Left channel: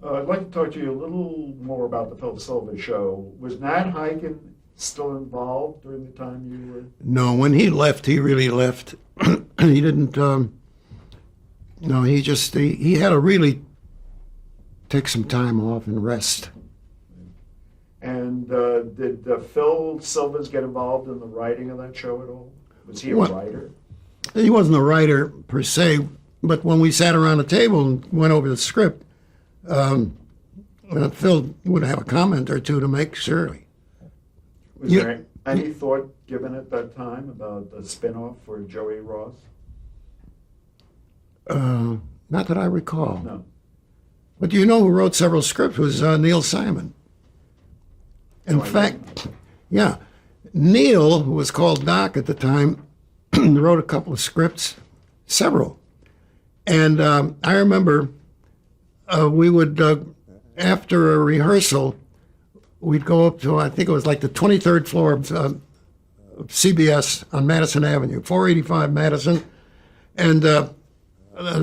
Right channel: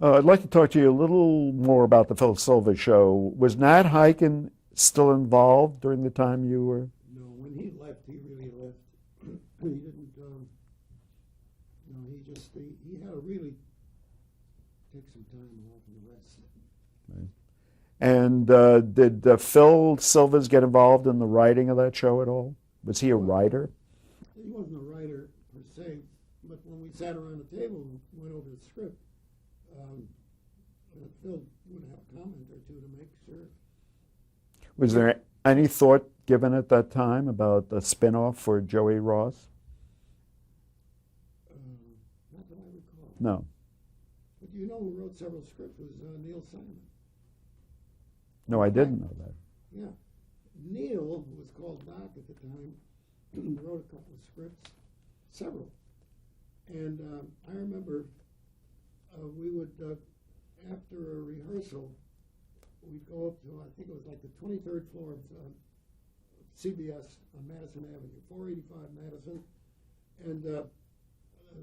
I'd like to talk to you a little more about the Phil Silver show. Was Nat Hiken still involved during the time you were? No, when he left, he really left. He didn't. No, he had to really take some time off and rest. And did Phil Silvers get involved in the writing of that show at all? Was he a Well, writer? he wasn't a writer per se, but when we sat around the table and went over the script, Phil would have a comment or two to make, surely. Was there any thought given at that time about the spin-off for Joey Ross? Not that I recall. No. But you know who wrote several scripts was Neil Simon. In No, I fact, didn't know. yeah, Neil, who was called Doc at the time, wrote a couple of scripts, several. And I remember we would, after a rehearsal, we'd go up to, I think it was like the 23rd floor of CBS on Madison Avenue, 485 Madison. And the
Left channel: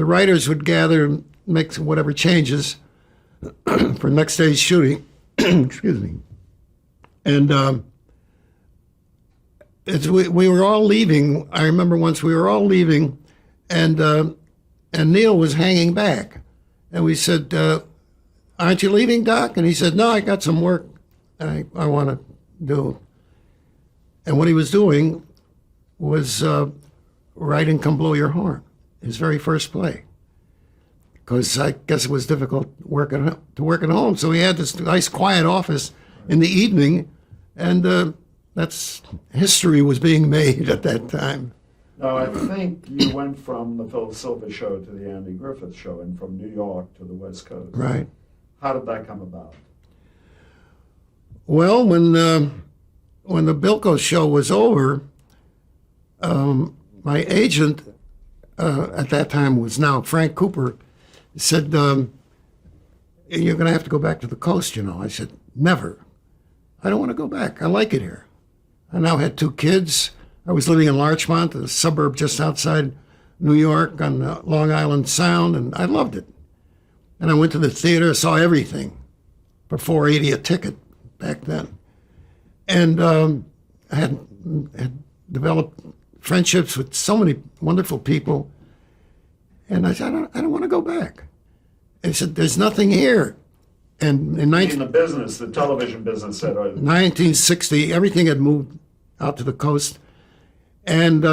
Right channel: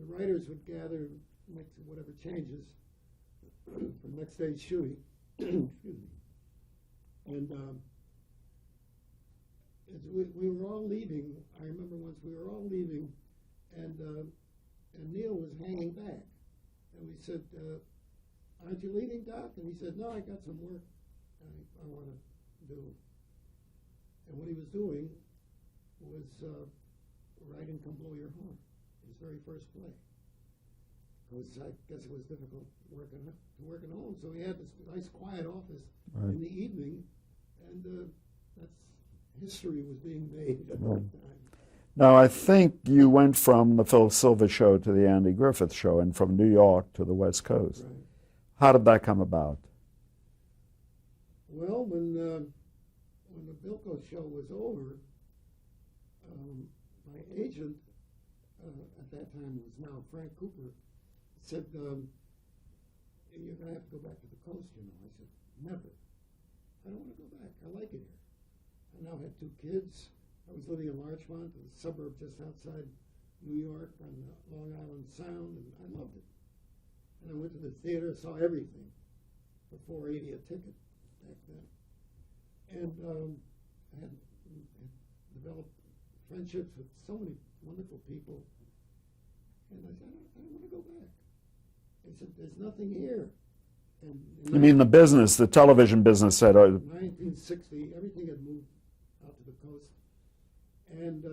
writers would gather and make whatever changes for next day's shooting. Excuse me. And we were all leaving. I remember once we were all leaving, and Neil was hanging back. And we said, aren't you leaving, Doc? And he said, no, I got some work I want to do. And what he was doing was writing Come Blow Your Horn, his very first play. Because I guess it was difficult to work at home. So he had this nice quiet office in the evening, and that's history was being made at that time. Now, I think you went from the Phil Silver show to the Andy Griffith show and from New York to the West Coast. Right. How did that come about? Well, when the Bilko show was over, my agent at that time was now Frank Cooper, said, you're going to have to go back to the coast, you know. I said, never. I don't want to go back. I like it here. I now had 2 kids. I was living in Larchmont, a suburb just outside New York on Long Island Sound, and I loved it. And I went to the theater, saw everything for $4.80 a ticket back then. And I had developed friendships with so many wonderful people. And I said, I don't want to go back. And he said, there's nothing here. And in The business, the television business said, 1960, everything had moved out to the coast. And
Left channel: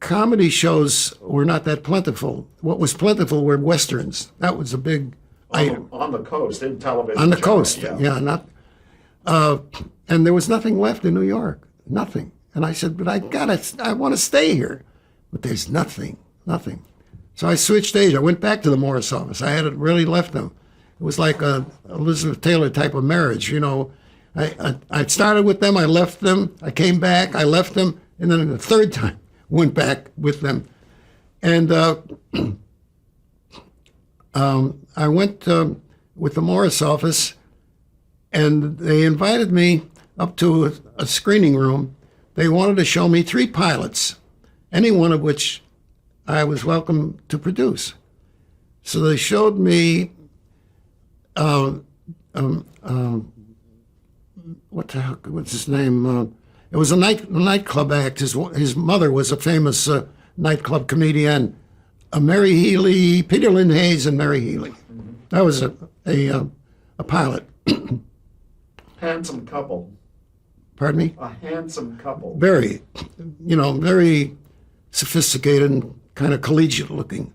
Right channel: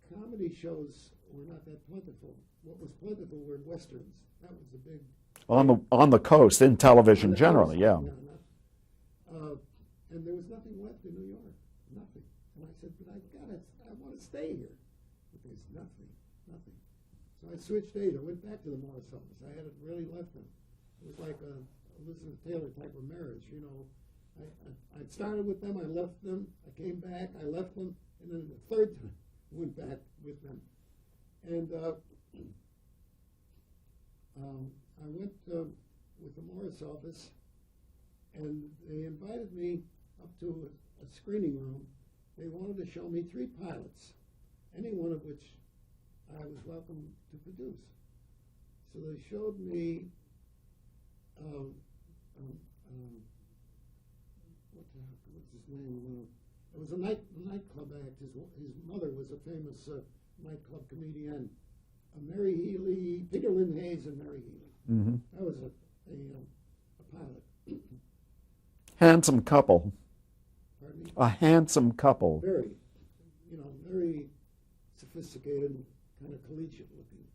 comedy shows were not that plentiful. What was plentiful were westerns. That was a big item. on the coast, in television. On the general, coast, yeah, not. And there was nothing left in New York, nothing. And I said, but I want to stay here. But there's nothing. So I switched age. I went back to the Morris office. I hadn't really left them. It was like a Elizabeth Taylor type of marriage, you know. I started with them, I left them, I came back, I left them, and then the third time went back with them. And I went with the Morris office, and they invited me up to a screening room. They wanted to show me 3 pilots, any one of which I was welcome to produce. So they showed me what's his name? It was a nightclub act. His mother was a famous nightclub comedian, Mary Healy, Peter Lynn Hayes, and Mary Healy. Mm-hmm. That was a pilot. handsome couple. Pardon me? A handsome couple. Very, very sophisticated and kind of collegiate looking.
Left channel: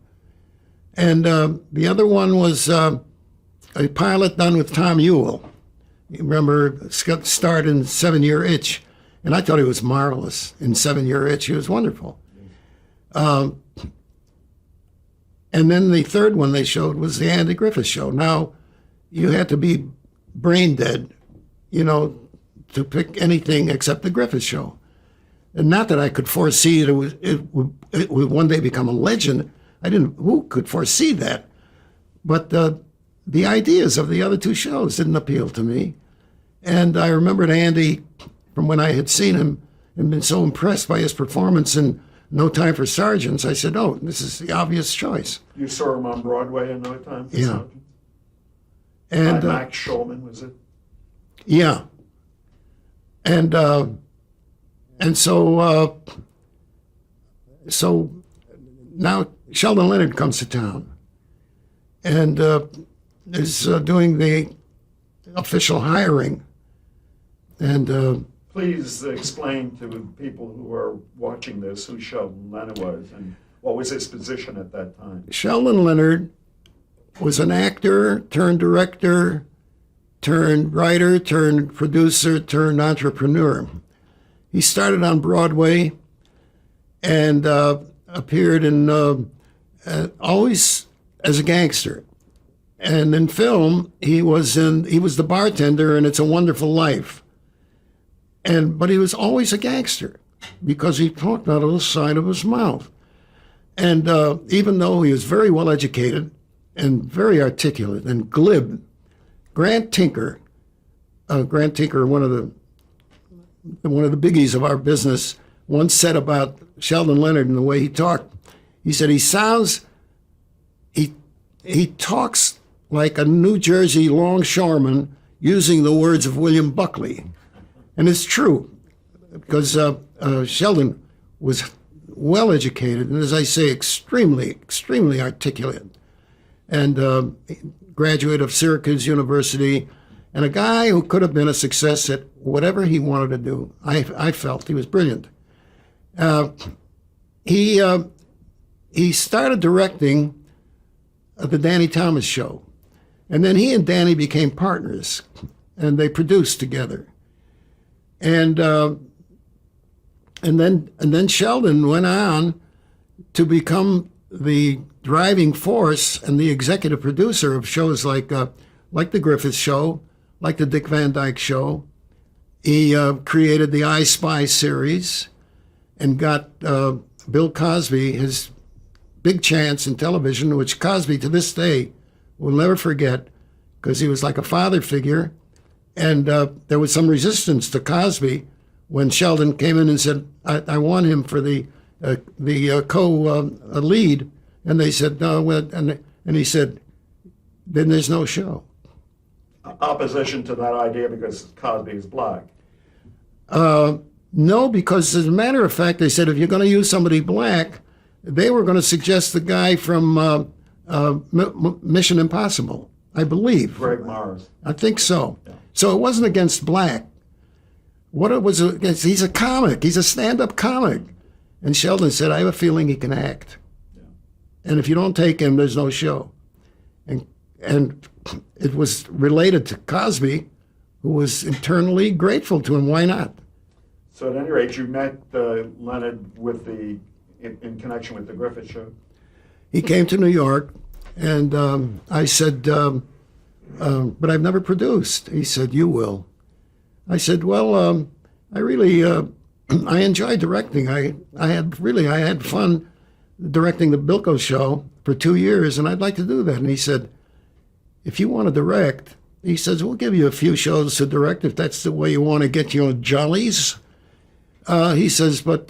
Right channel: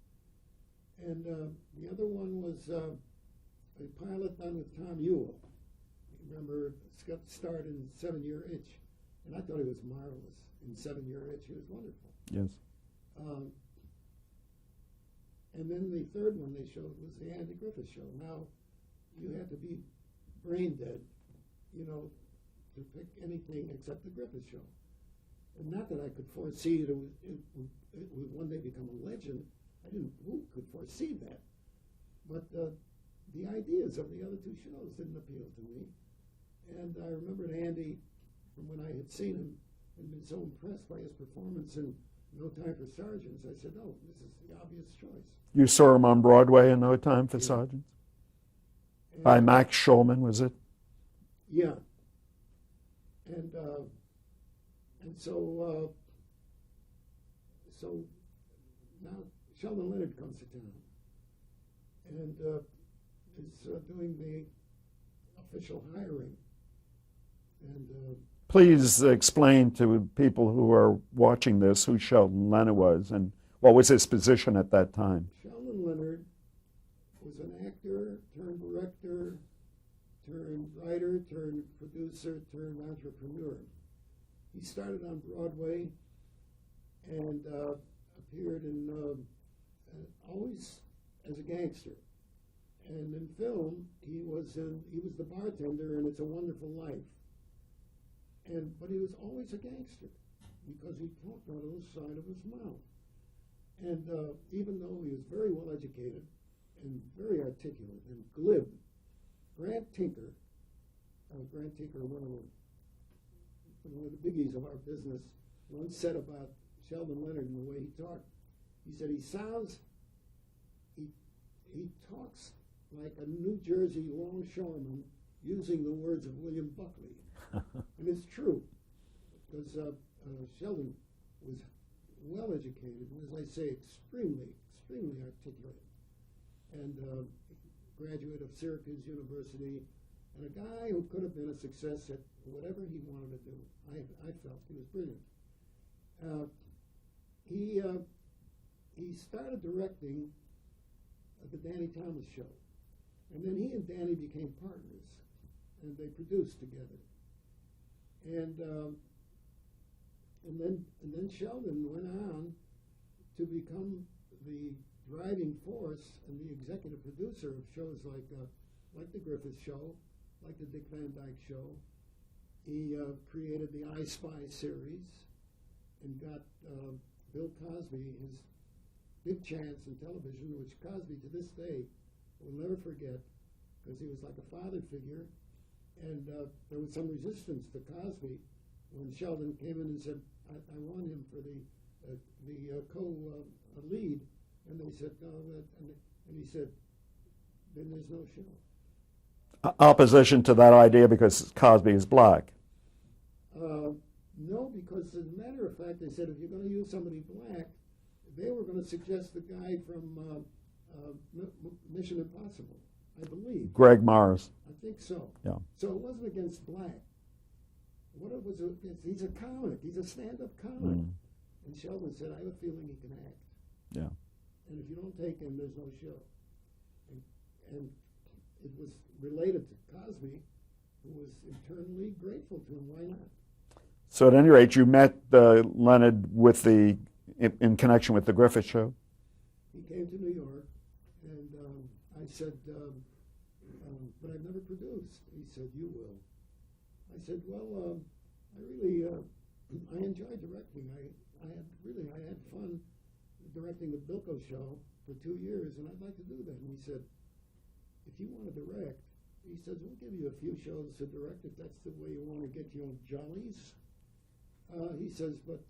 And the other one was a pilot done with Tom Ewell. You remember, starred in 7-Year Itch, and I thought he was marvelous in 7-Year Itch. He was wonderful. Yes. And then the third one they showed was the Andy Griffith Show. Now, you had to be brain dead, to pick anything except the Griffith Show. And not that I could foresee it would one day become a legend. Who could foresee that? But the ideas of the other 2 shows didn't appeal to me. And I remembered Andy from when I had seen him and been so impressed by his performance in No Time for Sergeants. I said, oh, this is the obvious choice. You saw him on Broadway in No Time for Yeah. Sergeants? And Max Schulman, was it? yeah, and so now Sheldon Leonard comes to town and is doing the official hiring. And Please explain to people who are watching this who Sheldon Leonard was and what was his position at that time. Sheldon Leonard was an actor turned director turned writer turned producer turned entrepreneur. He started on Broadway and appeared in always as a gangster. And in film, he was the bartender in It's a Wonderful Life. But he was always a gangster because he talked out of the side of his mouth. And even though he was very well educated and very articulate and glib, Grant Tinker, one of the biggies of our business, once said about Sheldon Leonard and the way he talked. He said he talks like a New Jersey longshoreman using the words of William Buckley. And it's true, because Sheldon was well educated and, as I say, extremely, extremely articulate. And graduate of Syracuse University, and a guy who could have been a success at whatever he wanted to do. I felt he was brilliant. He started directing the Danny Thomas Show, and then he and Danny became partners, and they produced together. And then Sheldon went on to become the driving force and the executive producer of shows like the Griffith Show, like the Dick Van Dyke Show. He created the I Spy series and got Bill Cosby his big chance in television, which Cosby to this day will never forget, because he was like a father figure. And there was some resistance to Cosby when Sheldon came in and said, I want him for the co-lead. And they said, no. And he said, then there's no show. Opposition to that idea because Cosby is black. No, because as a matter of fact, they said, if you're going to use somebody black, they were going to suggest the guy from Mission Impossible, I believe. Greg Morris. I think so. Yeah. So it wasn't against black. What it was against, he's a comic. He's a stand-up comic. And Sheldon said, I have a feeling he can act. Yeah. And if you don't take him, there's no show. And it was related to Cosby, who was internally grateful to him. Why not? So at any rate, you met Leonard in connection with the Griffith Show? He came to New York, and I said, but I've never produced. He said, you will. I said, well, I really, I enjoy directing. I had fun directing the Bilko Show for 2 years, and I'd like to do that. And he said, if you want to direct, he says, we'll give you a few shows to direct if that's the way you want to get your jollies. He says, but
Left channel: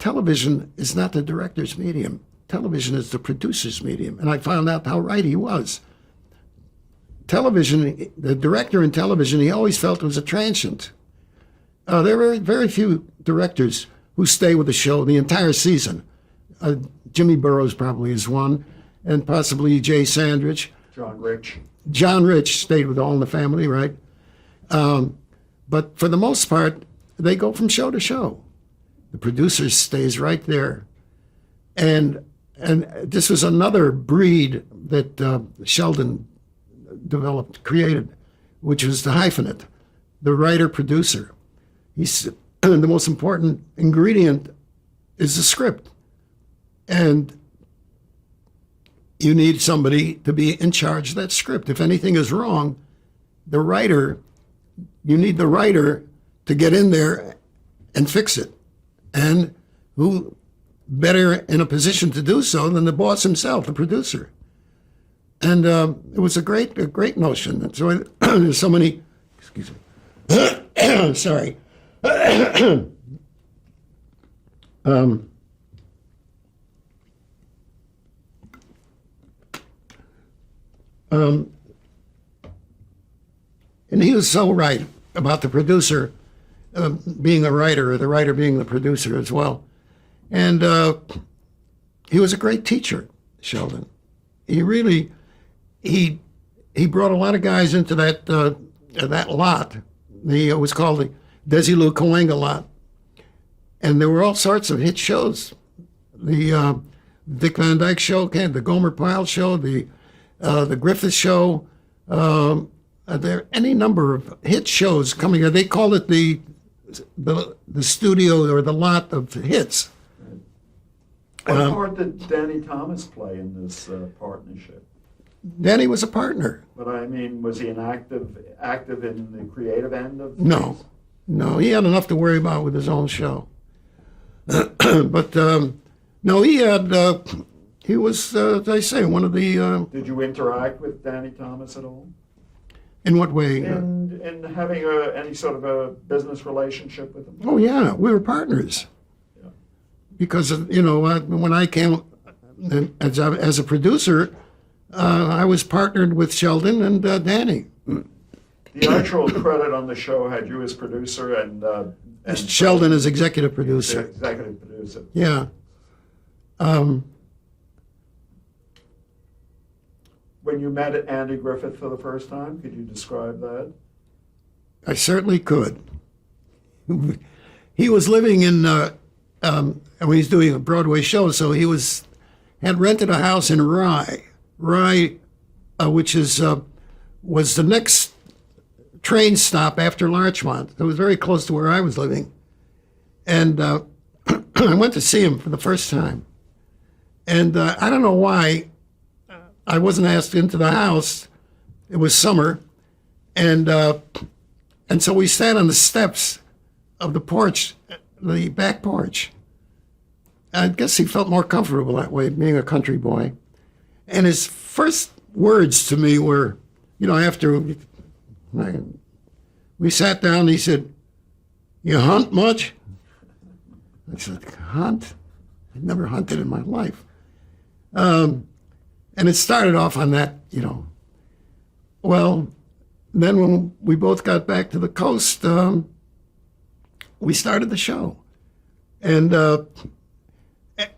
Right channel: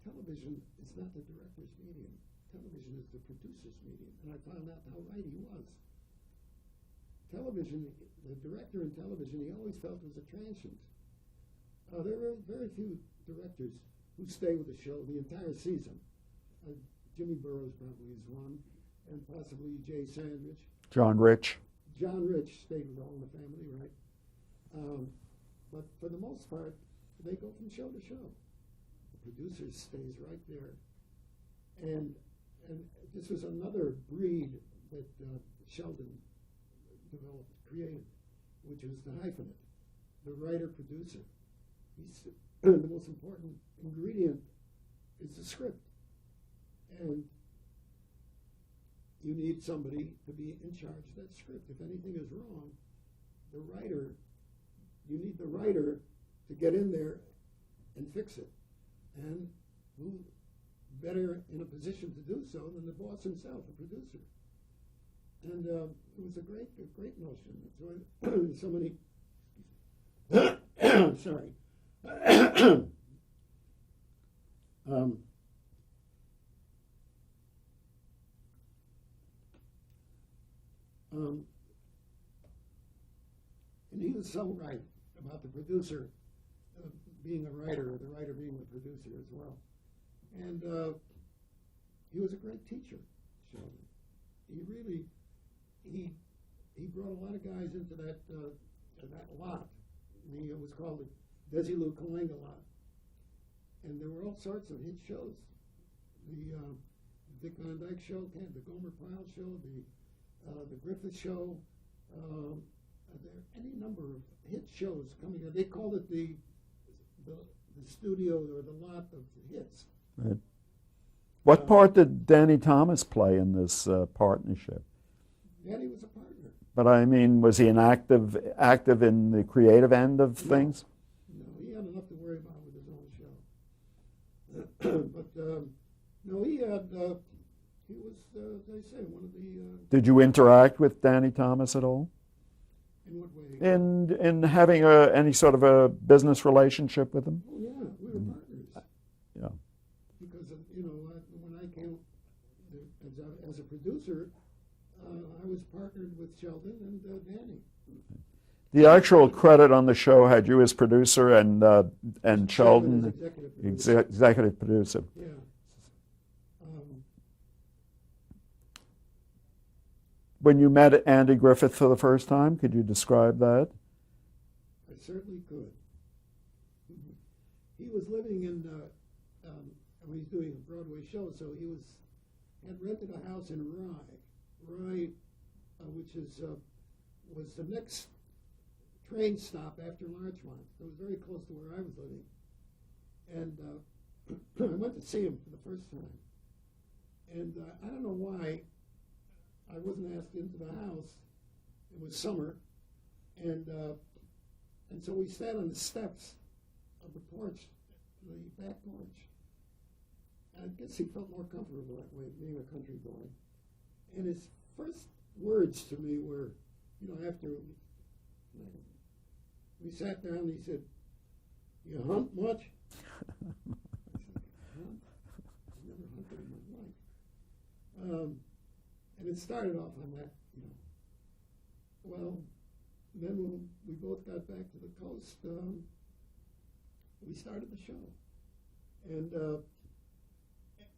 television is not the director's medium. Television is the producer's medium. And I found out how right he was. Television, the director in television, he always felt was a transient. There are very few directors who stay with the show the entire season. Jimmy Burrows probably is one, and possibly Jay Sandrich. John Rich. John Rich stayed with All in the Family, right? But for the most part, they go from show to show. The producer stays right there. And this was another breed that Sheldon created, which was the hyphenate, the writer-producer. The most important ingredient is the script. And you need somebody to be in charge of that script. If anything is wrong, you need the writer to get in there and fix it. And who better in a position to do so than the boss himself, the producer? And it was a great notion. And so there's so many, excuse me, sorry. And he was so right about the producer being a writer, or the writer being the producer as well. And he was a great teacher, Sheldon. He really, he brought a lot of guys into that lot. It was called the Desilu Cahuenga lot. And there were all sorts of hit shows. The Dick Van Dyke Show, the Gomer Pyle Show, the Griffith Show. There are any number of hit shows coming. They called it the studio or the lot of hits. Right. What part did Danny Thomas play in this partnership? Danny was a partner. But I mean, was he an active in the creative end of things? No, he had enough to worry about with his own show. But no, he was, as I say, one of the. Did you interact with Danny Thomas at all? In what way? In having any sort of a business relationship with him? Oh yeah, we were partners. Yeah. Because when I came as a producer, I was partnered with Sheldon and Danny. The actual credit on the show had you as producer and Sheldon as executive producer. Executive producer. Yeah. When you met Andy Griffith for the first time, could you describe that? I certainly could. He was living in, and he's doing a Broadway show, so he had rented a house in Rye, which was the next train stop after Larchmont. It was very close to where I was living. And I went to see him for the first time. And I don't know why I wasn't asked into the house. It was summer. And so we sat on the steps of the porch, the back porch. I guess he felt more comfortable that way, being a country boy. And his first words to me were, after we sat down, he said, "You hunt much?" I said, "Hunt? I've never hunted in my life." And it started off on that, Well, then when we both got back to the coast, we started the show. And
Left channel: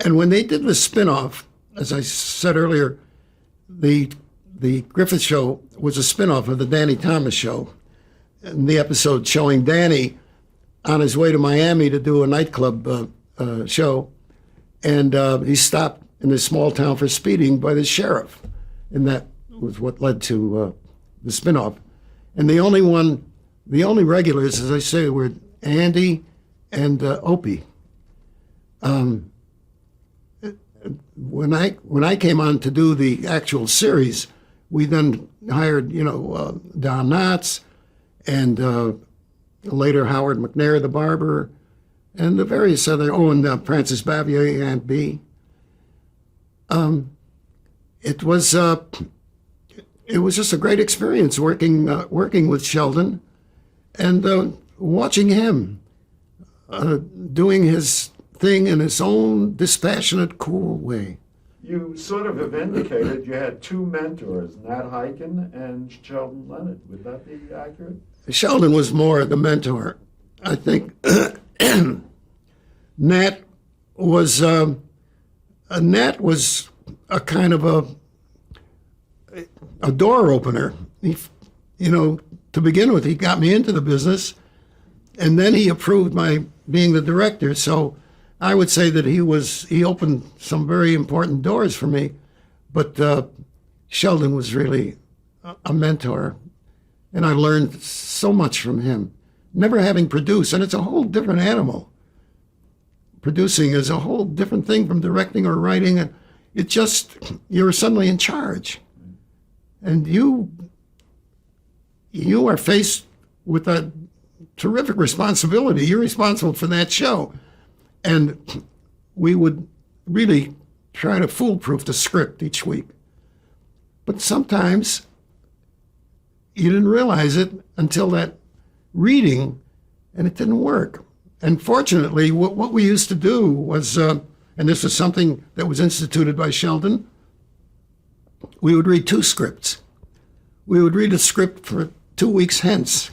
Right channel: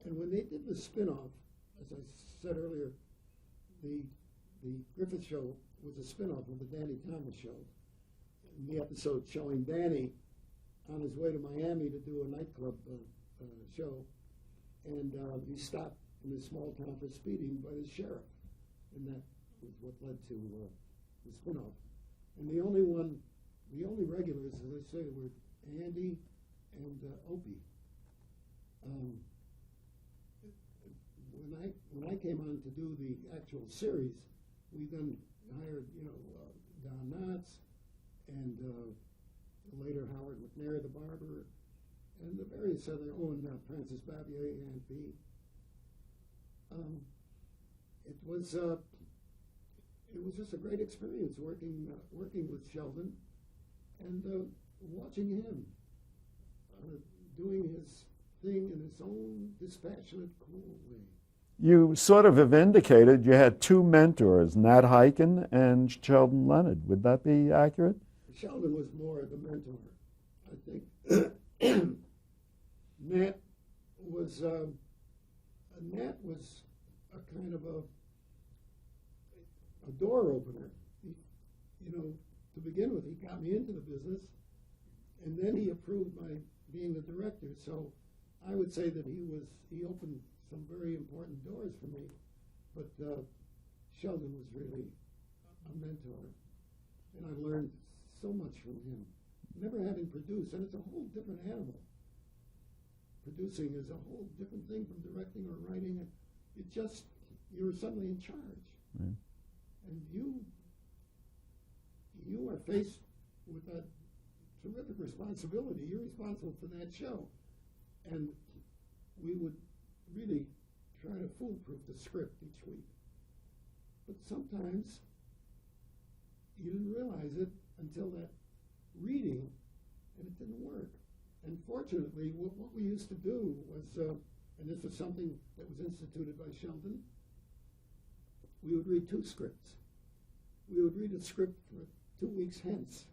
when they did the spinoff, as I said earlier, the Griffith Show was a spinoff of the Danny Thomas Show. And the episode showing Danny on his way to Miami to do a nightclub show. And he stopped in this small town for speeding by the sheriff. And that was what led to the spinoff. And the only regulars, as I say, were Andy and Opie. When I came on to do the actual series, we then hired, Don Knotts and later Howard McNair, the barber, and the various other, and Francis Bavier, Aunt B. It was just a great experience working with Sheldon and watching him doing his thing in his own dispassionate, cool way. You sort of have indicated you had two mentors, Nat Hiken and Sheldon Leonard. Would that be accurate? Sheldon was more the mentor. I think Nat was a kind of a door opener. He, to begin with, he got me into the business, and then he approved my being the director. So I would say that he opened some very important doors for me, but Sheldon was really a mentor, and I learned so much from him. Never having produced, and it's a whole different animal. Producing is a whole different thing from directing or writing, and you're suddenly in charge, and you are faced with a terrific responsibility. You're responsible for that show. And we would really try to foolproof the script each week. But sometimes you didn't realize it until that reading, and it didn't work. And fortunately, what we used to do was, and this was something that was instituted by Sheldon, we would read two scripts. We would read a script for 2 weeks hence,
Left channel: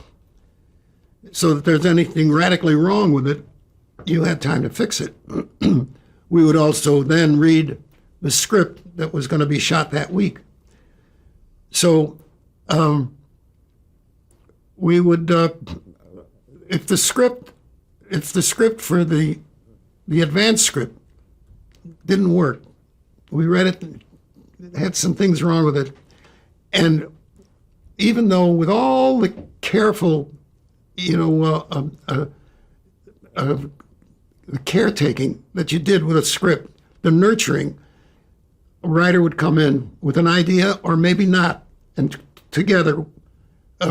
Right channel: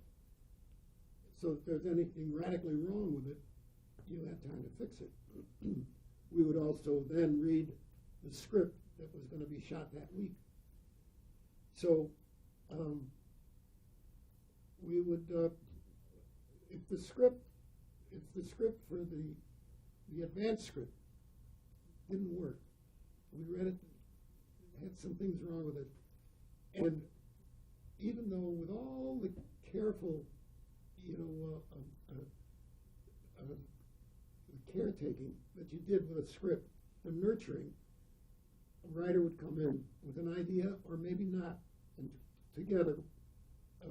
so that if there's anything radically wrong with it, you had time to fix it. We would also then read the script that was going to be shot that week. So we would, if the script for the advanced script didn't work, we read it, had some things wrong with it, and even though with all the careful, the caretaking that you did with a script, the nurturing, a writer would come in with an idea or maybe not, and together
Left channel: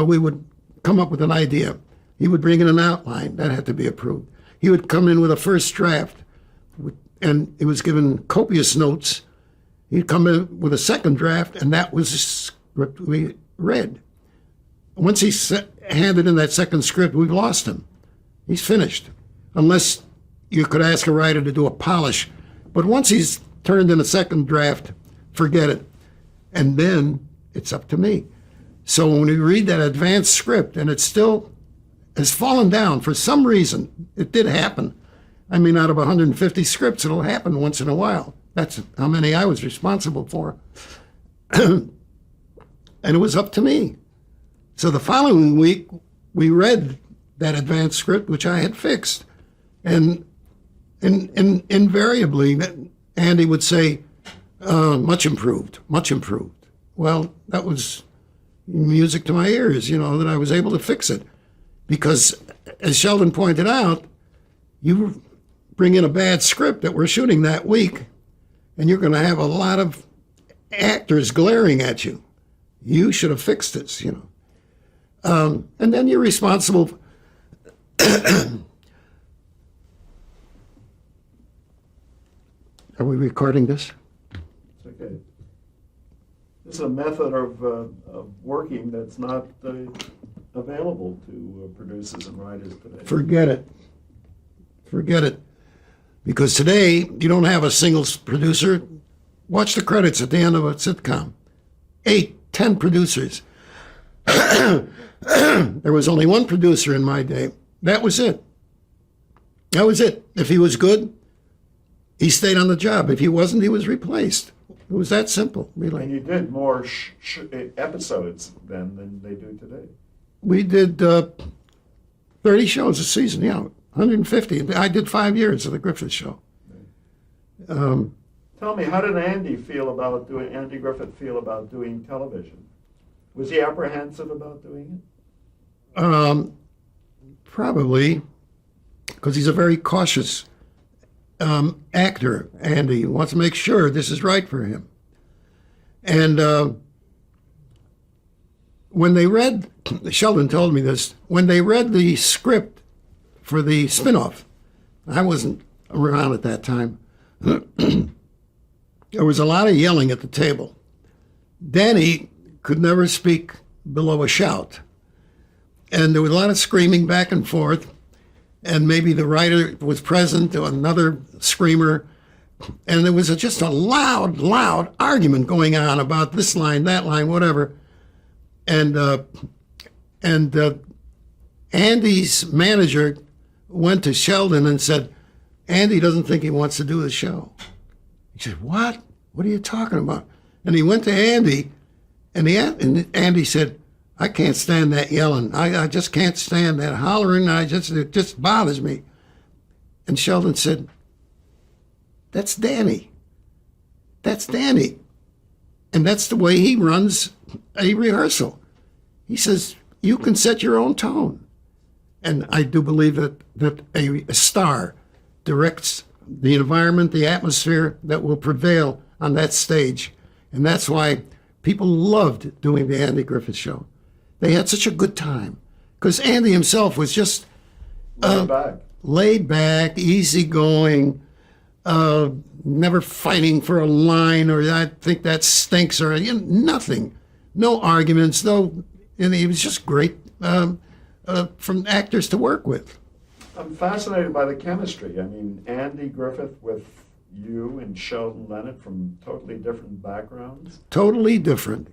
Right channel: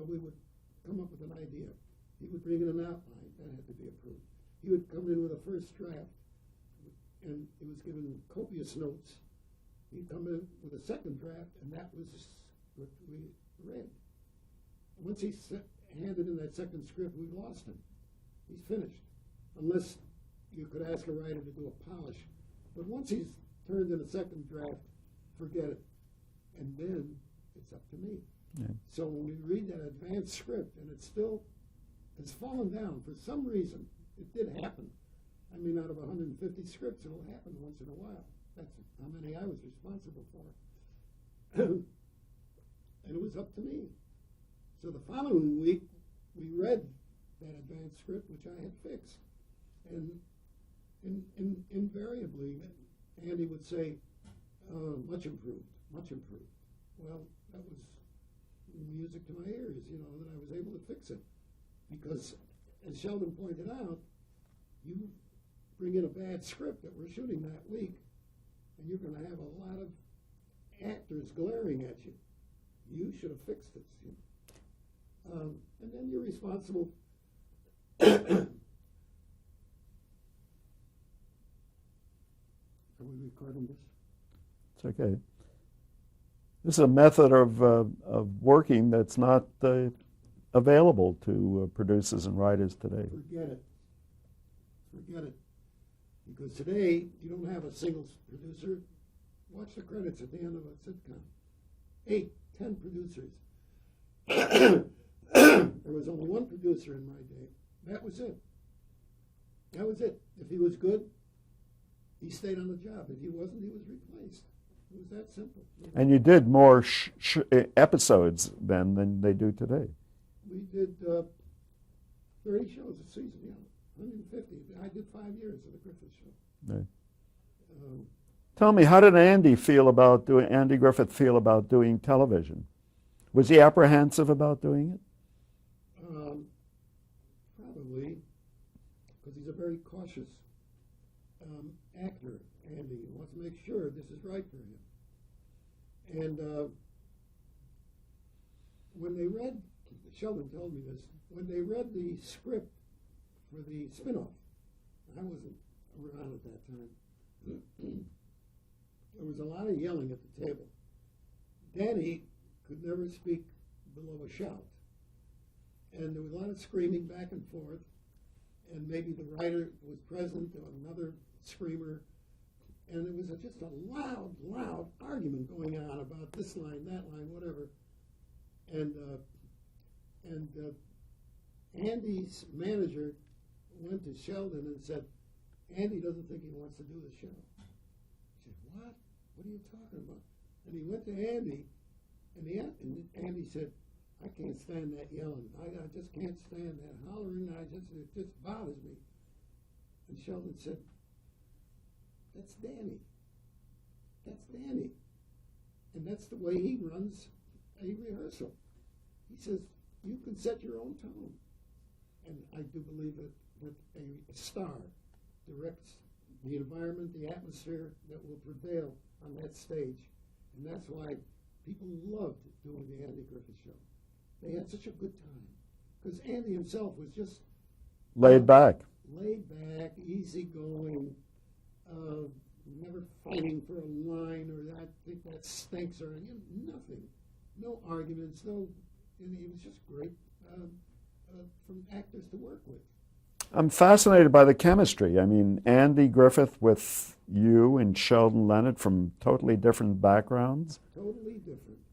we would come up with an idea. He would bring in an outline that had to be approved. He would come in with a first draft, and it was given copious notes. He'd come in with a second draft, and that was the script we read. Once he handed in that second script, we've lost him. He's finished, unless you could ask a writer to do a polish. But once he's turned in a second draft, forget it. And then it's up to me. So when we read that advanced script and it still has fallen down for some reason, it did happen. I mean, out of 150 scripts, it'll happen once in a while. That's how many I was responsible for. And it was up to me. So the following week, we read that advanced script, which I had fixed. And invariably, Andy would say, much improved, much improved. Well, that was music to my ears, that I was able to fix it. Because, as Sheldon pointed out, you bring in a bad script that we're shooting that week, and you're going to have a lot of actors glaring at you. You should have fixed this, and then you're responsible. Are we recording this? It's okay. This is a method of working that's not available to producers and writers today. Forget it. Forget it. Because today, you don't have a single producer. Watch the credits at the end of a sitcom. 8, 10 producers. There was only one producer in my day. That was it. That was it. If he was good, he stayed on the job. If he wasn't, he was replaced. It was that simple, really. And you did more episodes then than they do today. We did 30 shows a season, 150. I did 5 years of the Griffith Show. Right. Tell me, how did Andy Griffith feel about doing television? Was he apprehensive about doing it? Probably, because he's a very cautious actor, Andy. He wants to make sure this is right for him. And when they read, Sheldon told me this, when they read the script for the spinoff, I wasn't around at that time, there was a lot of yelling at the table. Danny could never speak below a shout. And there was a lot of screaming back and forth. And maybe the writer was present, or another screamer. And there was just a loud argument going on about this line, that line, whatever. And Andy's manager went to Sheldon and said, Andy doesn't think he wants to do the show. He said, what? What are you talking about? And he went to Andy, and Andy said, I can't stand that yelling. I just can't stand that hollering. It just bothers me. And Sheldon said, that's Danny. That's Danny. And that's the way he runs a rehearsal. He says, you can set your own tone. And I do believe that a star directs the environment, the atmosphere that will prevail on that stage. And that's why people loved doing the Andy Griffith Show. They had such a good time. Because Andy himself was just laid back, easygoing, never fighting for a line, or I think that stinks, or nothing. No arguments, and he was just great from actors to work with. I'm fascinated by the chemistry. I mean, Andy Griffith with you and Sheldon Leonard from totally different backgrounds. Totally different,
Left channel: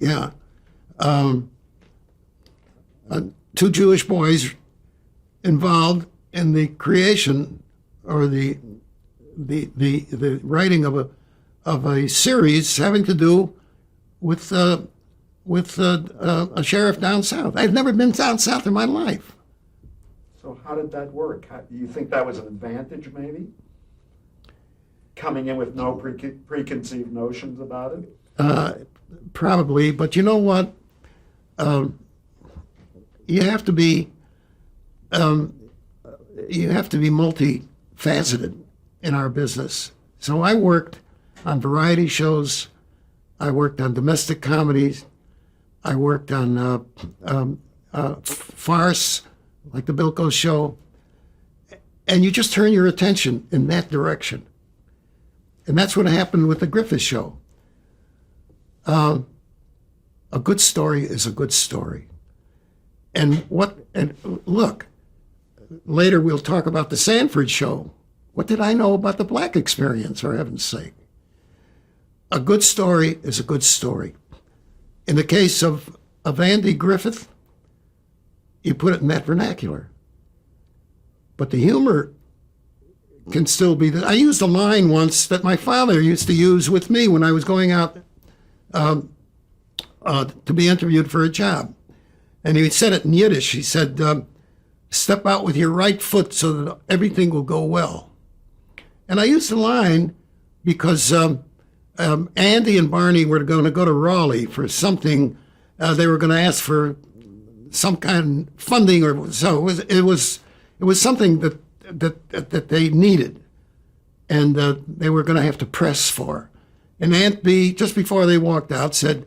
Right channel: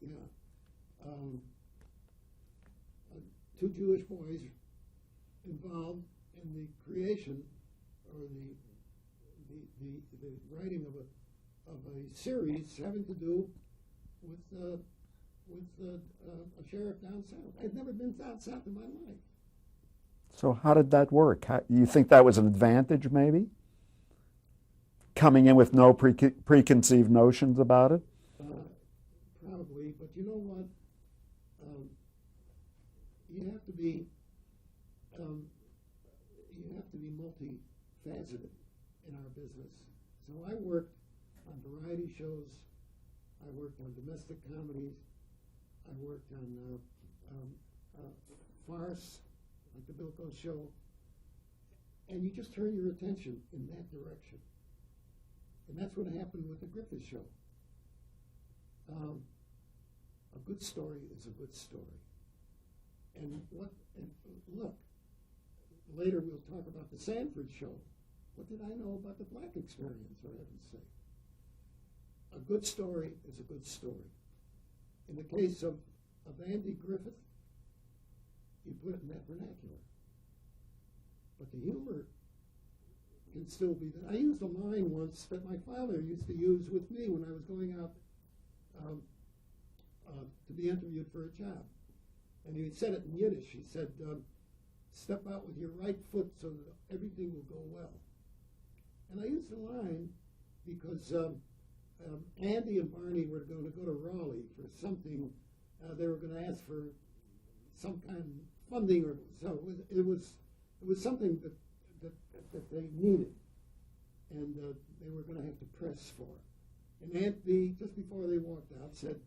yeah. two Jewish boys involved in the creation or the writing of a series having to do with a sheriff down south. I'd never been down south in my life. So how did that work? You think that was an advantage, maybe? Coming in with no preconceived notions about it? Probably, but you know what? You have to be multifaceted in our business. So I worked on variety shows. I worked on domestic comedies. I worked on farce, like the Bilko Show. And you just turn your attention in that direction. And that's what happened with the Griffith Show. A good story is a good story. And look, later we'll talk about the Sanford Show. What did I know about the black experience, for heaven's sake? A good story is a good story. In the case of Andy Griffith, you put it in that vernacular. But the humor can still be I used a line once that my father used to use with me when I was going out to be interviewed for a job. And he said it in Yiddish. He said, step out with your right foot so that everything will go well. And I used the line because Andy and Barney were going to go to Raleigh for something. They were going to ask for some kind of funding, or so it was something that they needed, and they were going to have to press for. And Aunt B, just before they walked out, said,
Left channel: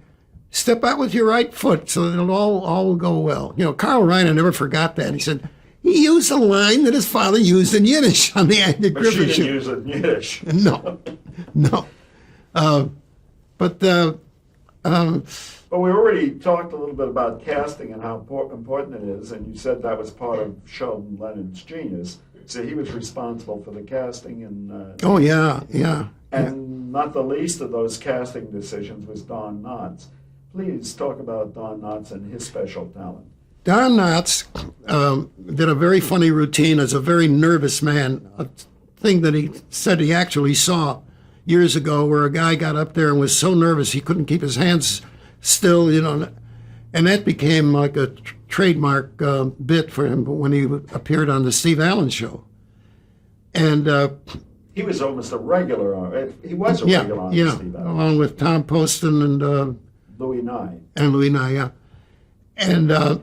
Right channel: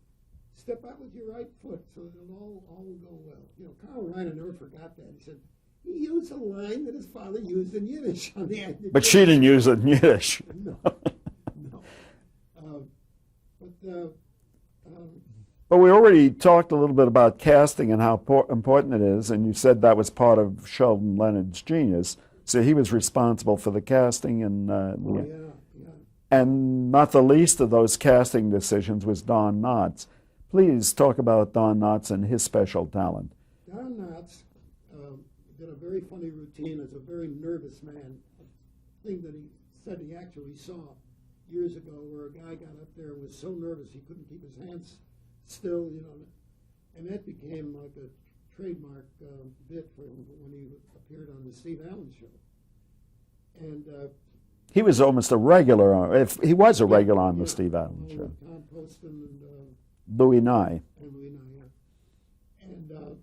"Step out with your right foot so that it'll all will go well." You know, Carl Reiner never forgot that. He said he used a line that his father used in Yiddish on the Andy But Griffith she didn't Show. use it in Yiddish. No. But we already talked a little bit about casting and how important it is, and you said that was part of Sheldon Leonard's genius. So he was responsible for the casting, and oh yeah. And not the least of those casting decisions was Don Knotts. Please talk about Don Knotts and his special talent. Don Knotts did a very funny routine as a very nervous man, a thing that he said he actually saw years ago where a guy got up there and was so nervous he couldn't keep his hands still, you know, and that became like a trademark bit for him when he appeared on the Steve Allen Show. And he was almost a regular, he was a regular on the Steve Allen. Along with Tom Poston and Louis Nye. And Louis Nye, yeah. And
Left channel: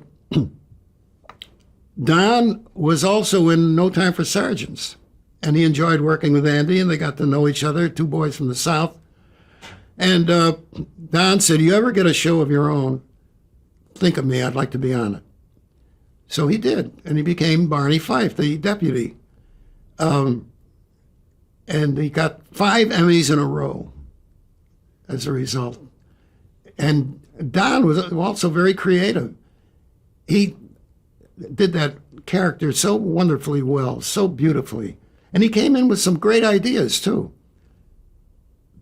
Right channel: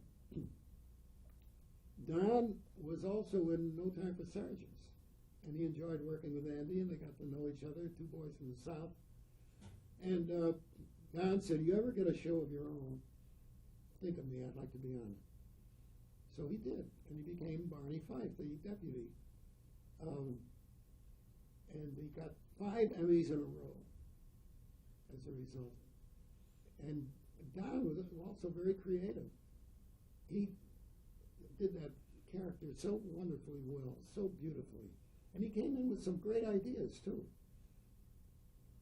Don was also in No Time for Sergeants. And he enjoyed working with Andy, and they got to know each other, two boys from the South. And Don said, "You ever get a show of your own, think of me, I'd like to be on it." So he did, and he became Barney Fife, the deputy. And he got 5 Emmys in a row as a result. And Don was also very creative. He did that character so wonderfully well, so beautifully. And he came in with some great ideas, too.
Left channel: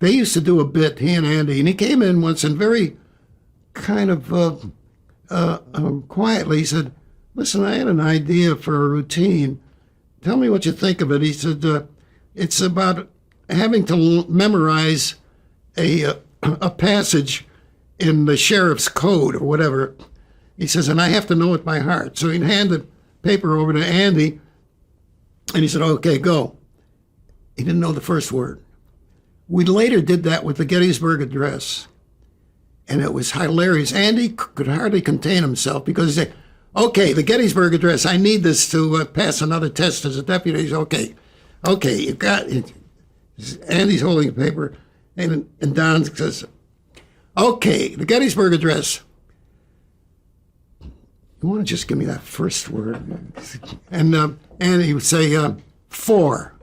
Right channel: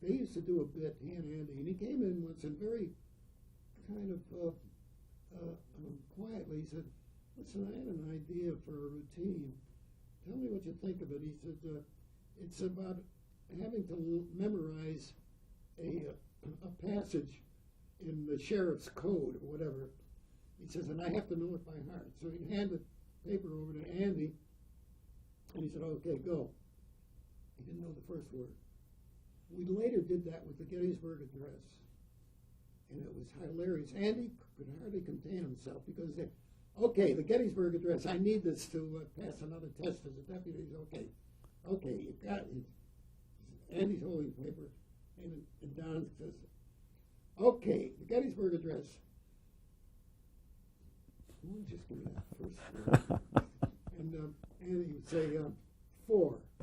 They used to do a bit, he and Andy, and he came in once and very kind of quietly, he said, "Listen, I had an idea for a routine. Tell me what you think of it." He said, "It's about having to memorize a passage in the sheriff's code or whatever." He says, "and I have to know it by heart." So he'd hand the paper over to Andy, and he said, "Okay, go." He didn't know the first word. We later did that with the Gettysburg Address, and it was hilarious. Andy could hardly contain himself because he said, "Okay, the Gettysburg Address, I need this to pass another test as a deputy." He said, okay, you got it. Andy's holding the paper, and Don says, "Okay, the Gettysburg Address. You want to just give me that first word?" And he would say, four,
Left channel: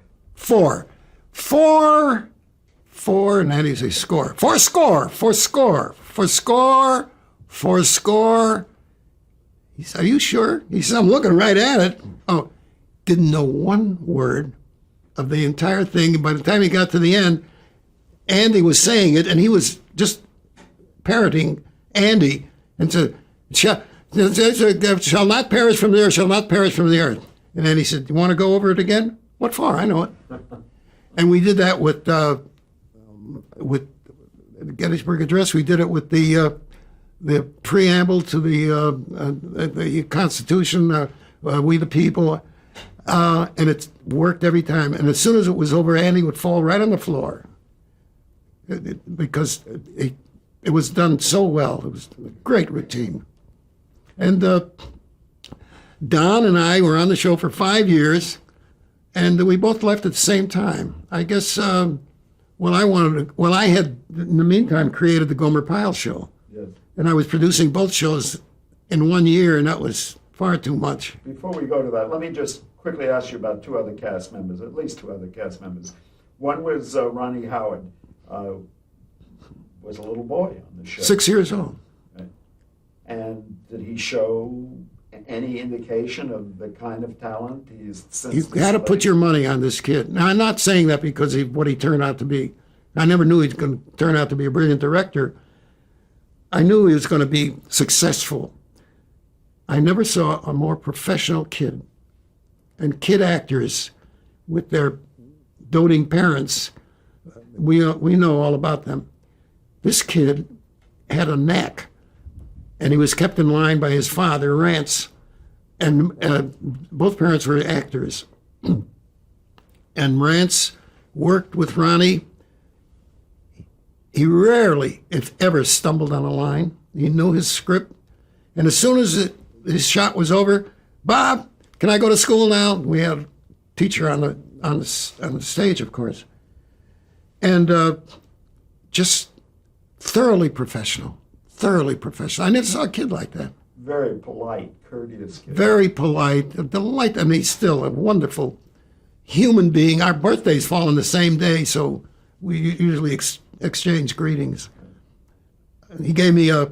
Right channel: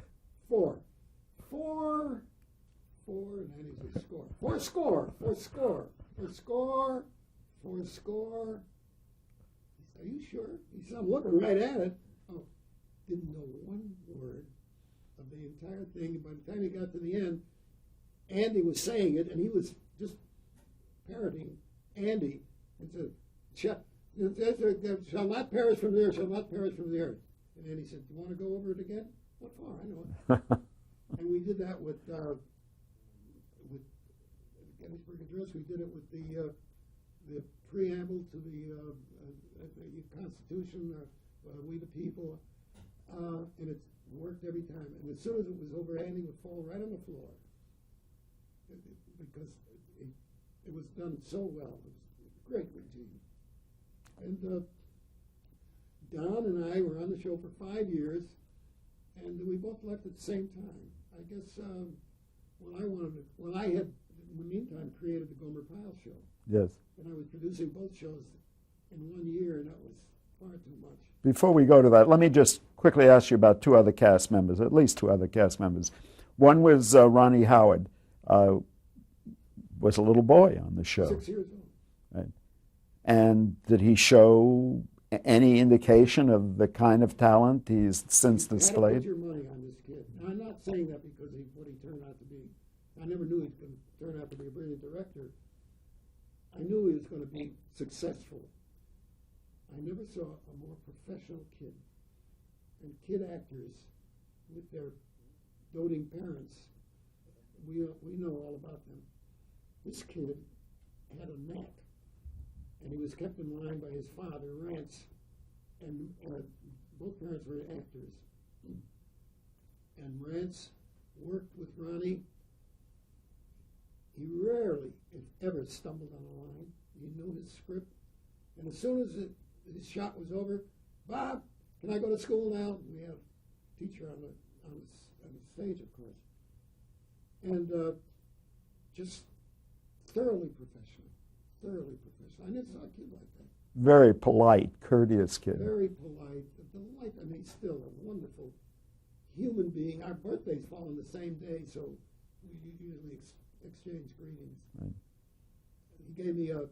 and then he'd say, "Score. Four score. He said, "Are you sure?" He said, "I'm looking right at it." Oh, didn't know one word of the entire thing. And by the time he got to the end, Andy was saying it, and he was just parroting Andy and said, Shall not perish from the earth, shall not perish from the earth. And then he said, you want to go over it again? What for? I know it. And we did that with Gettysburg Address. We did it with the preamble to the Constitution, We the People. And it worked every time. And as soon as it was over, Andy would fall right on the floor because it was done so well. It was a great routine. And Don and I were on the show for 5 years, and we both left at the same time. I guess I had, in the meantime, created the Gomer Pyle Show. Yes. And I was producing both shows in 1 year, and that was far too much. Before we go to that, let me just quickly ask you about two other cast members, at least two other cast members. One was Ronnie Howard, was a little boy on the show. 6 years old. Right. And did he show any indication of the kind of talent he's since You displayed? had to put your money on this kid. Now, I'm not saying that because of what he turned out to be. I never knew he was going to turn out to be a brilliant director. I knew he was going to be successful. I never saw a more professional kid. And kid actors with their doting parents, we know all about them. This kid had a knack, and he was kept in line by his father, Rance, and both parents were actors. And Rance worked with Ronnie. He rarely, if ever, stumbled on a line. He knew his script, and as soon as his shot was over, Bob, can I go to school now? We had a teacher on the stage, of course, and just thoroughly professional. Thoroughly professional. I never saw a kid like that. Very polite, courteous kid. Very polite, a delight. I mean, he's still a wonderful human being. Our birthdays fall on the same day, so we usually exchange greetings. And he gave me a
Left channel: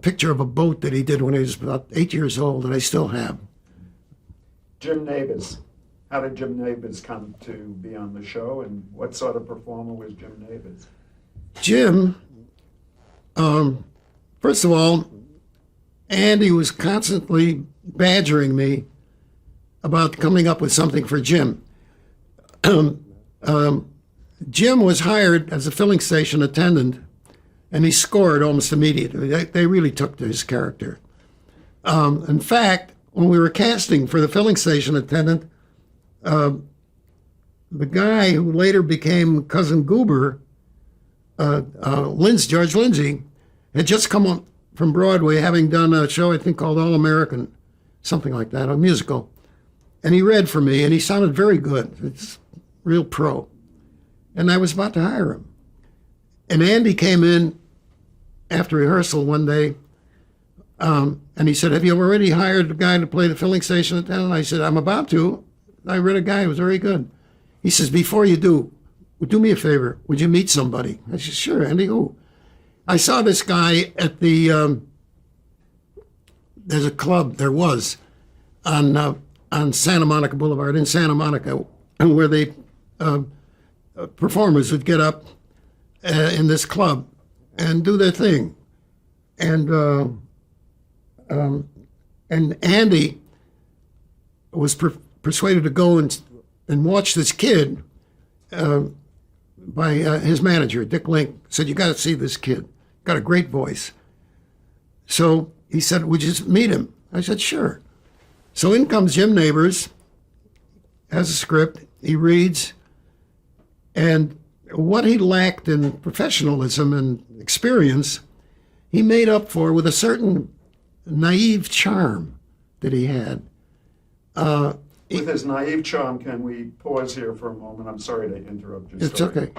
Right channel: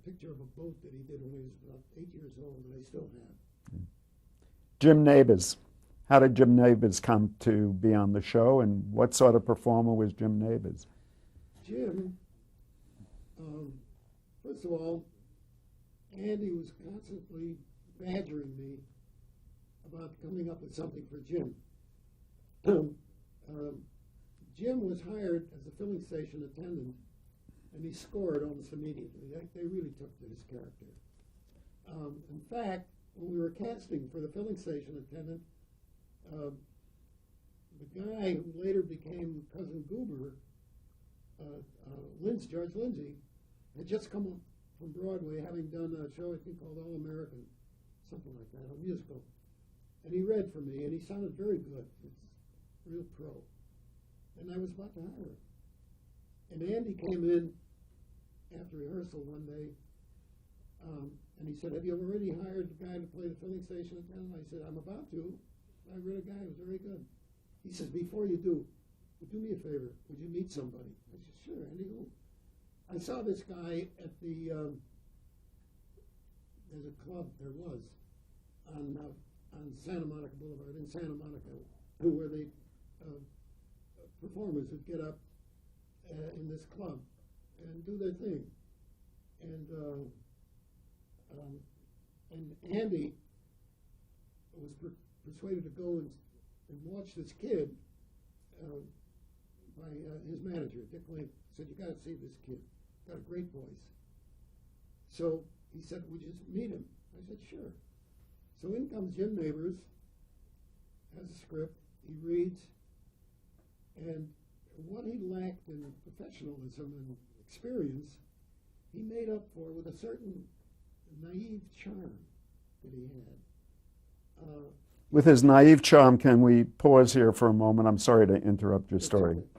picture of a boat that he did when he was about 8 years old, and I still have. Jim Nabors. How did Jim Nabors come to be on the show, and what sort of performer was Jim Nabors? Jim, first of all, Andy was constantly badgering me about coming up with something for Jim. Jim was hired as a filling station attendant, and he scored almost immediately. They really took to his character. In fact, when we were casting for the filling station attendant, the guy who later became Cousin Goober, George Lindsay, had just come up from Broadway, having done a show I think called All American, something like that, a musical. And he read for me, and he sounded very good. It's real pro. And I was about to hire him. And Andy came in after rehearsal one day, and he said, "Have you already hired a guy to play the filling station attendant?" I said, "I'm about to. I read a guy who was very good." He says, "Before you do me a favor. Would you meet somebody?" I said, "Sure, Andy, who?" I saw this guy at the, there's a club, there was, on Santa Monica Boulevard in Santa Monica, where they, performers would get up in this club and do their thing. And Andy was persuaded to go and watch this kid by his manager, Dick Link. Said, "You got to see this kid. Got a great voice." So he said, "Would you meet him?" I said, "Sure." So in comes Jim Nabors, has a script, he reads, and what he lacked in professionalism and experience, he made up for with a certain naive charm that he had. With his naive charm, can we pause here for a moment? I'm sorry to interrupt your It's story. okay.